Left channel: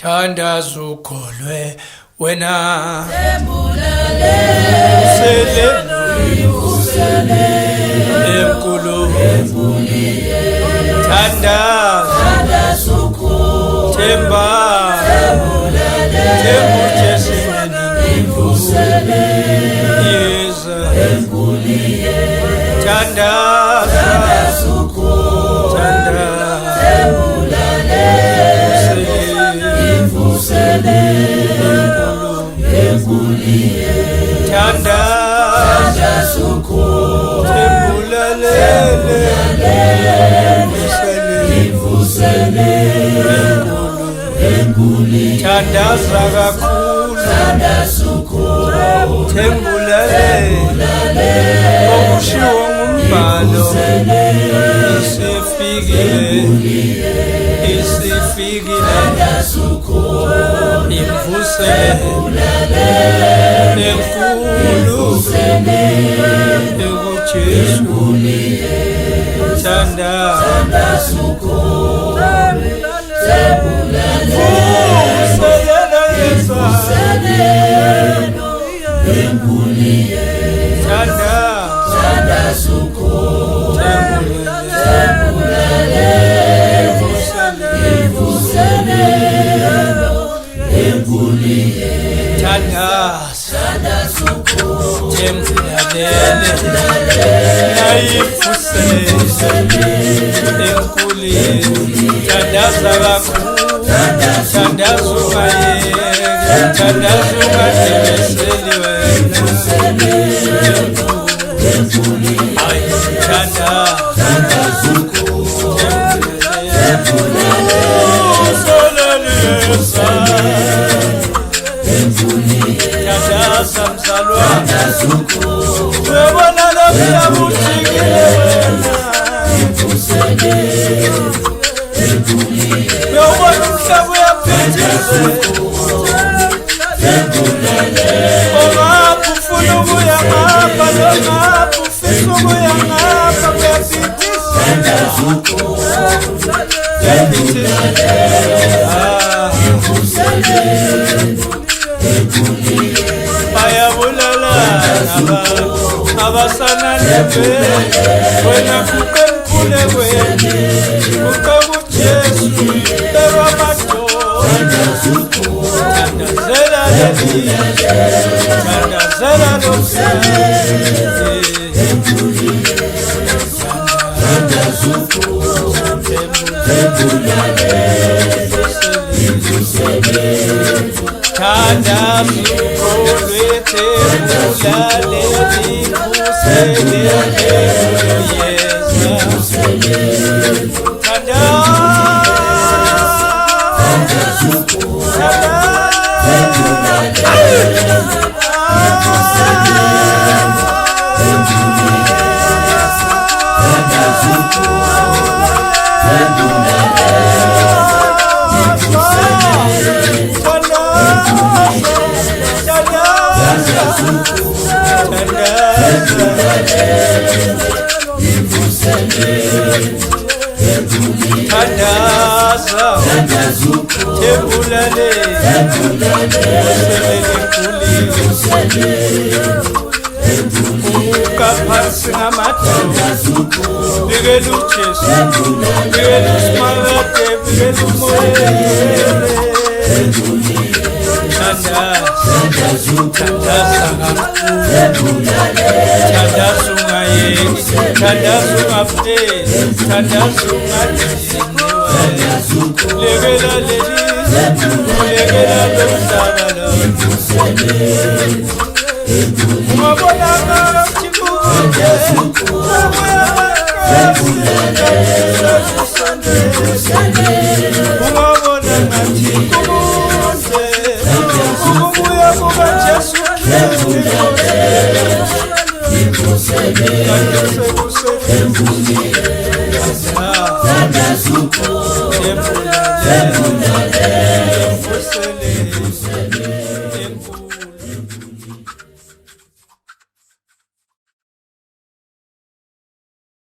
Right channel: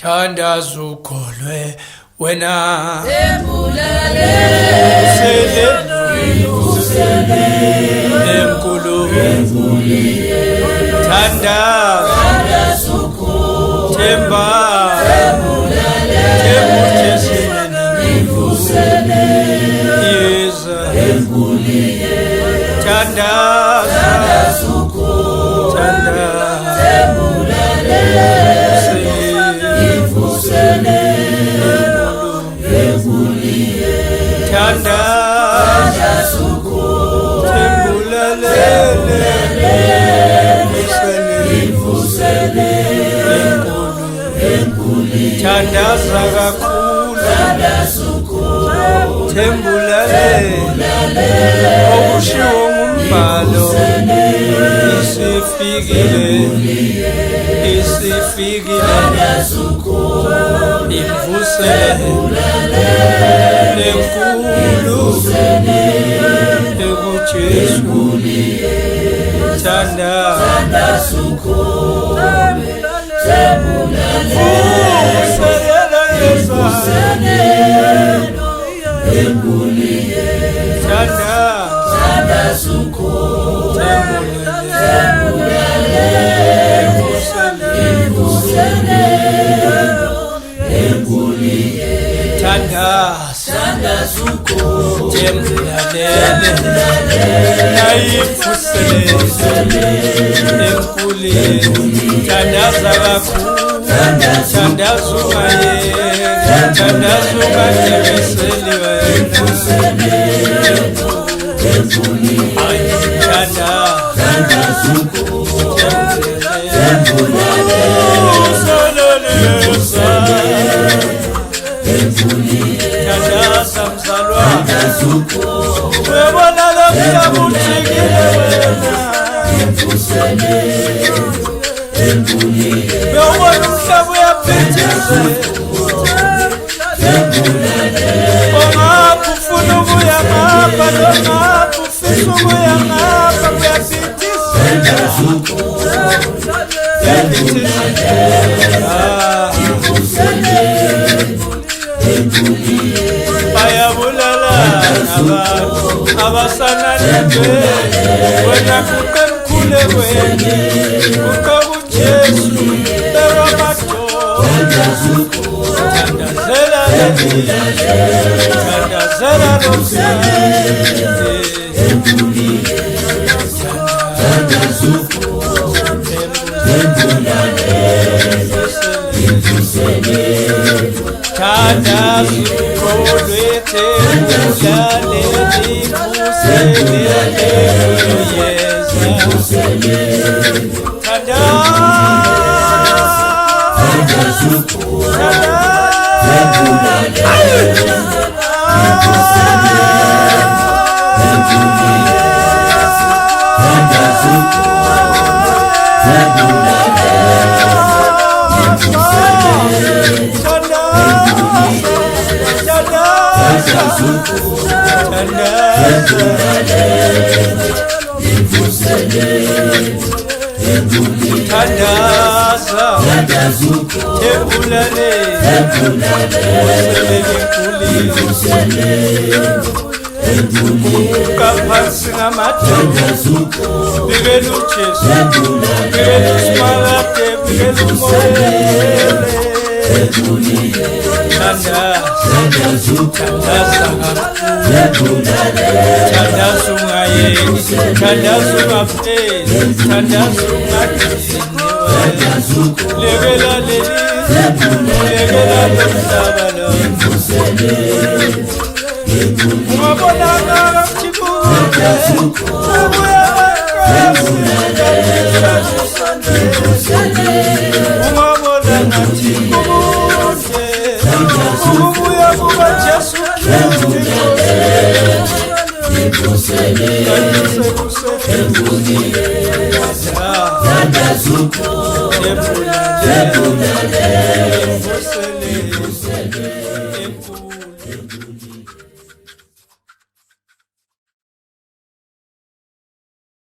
thandaza ukholwe wena enkulu thandaza themba yeza thandaza thandaza kakhulu thembulale okushiwo ngumbhalo isifikile imvusele enkulu ekuJesu thandaza tembulalele nayimvusele enkulu thandaza kakhulu thandaza ungayeki thandaza ungadebeseli wena thandaza mzalwane uyabona lo mhlaba ujikile wena uyabona umhlaba uyaphithizela ongapha ufuna ukuya ngapha nongapha ufisa ukuya ngapha kuyaphithizela bayabulalana abantu abasananebe wena kuqe mkhule kwena kuqe kuJesu bekwamadoda thandazela lelizwe thandazela thandaza ukholwe thembulale limbusele yeza thandaza thembulale kuka phansi ngamadoda bikela uJesu bikela uSimakade bikela umoyele thandaza kakhulu thandaza ungayeki thandaza ungapheli thandaza ungadiniwe lekela lelizwe lekela lomhlaba lo ungabonakala kuthikude ungabona ngathi kukude ukubuya kukaJesu Kristu thandaza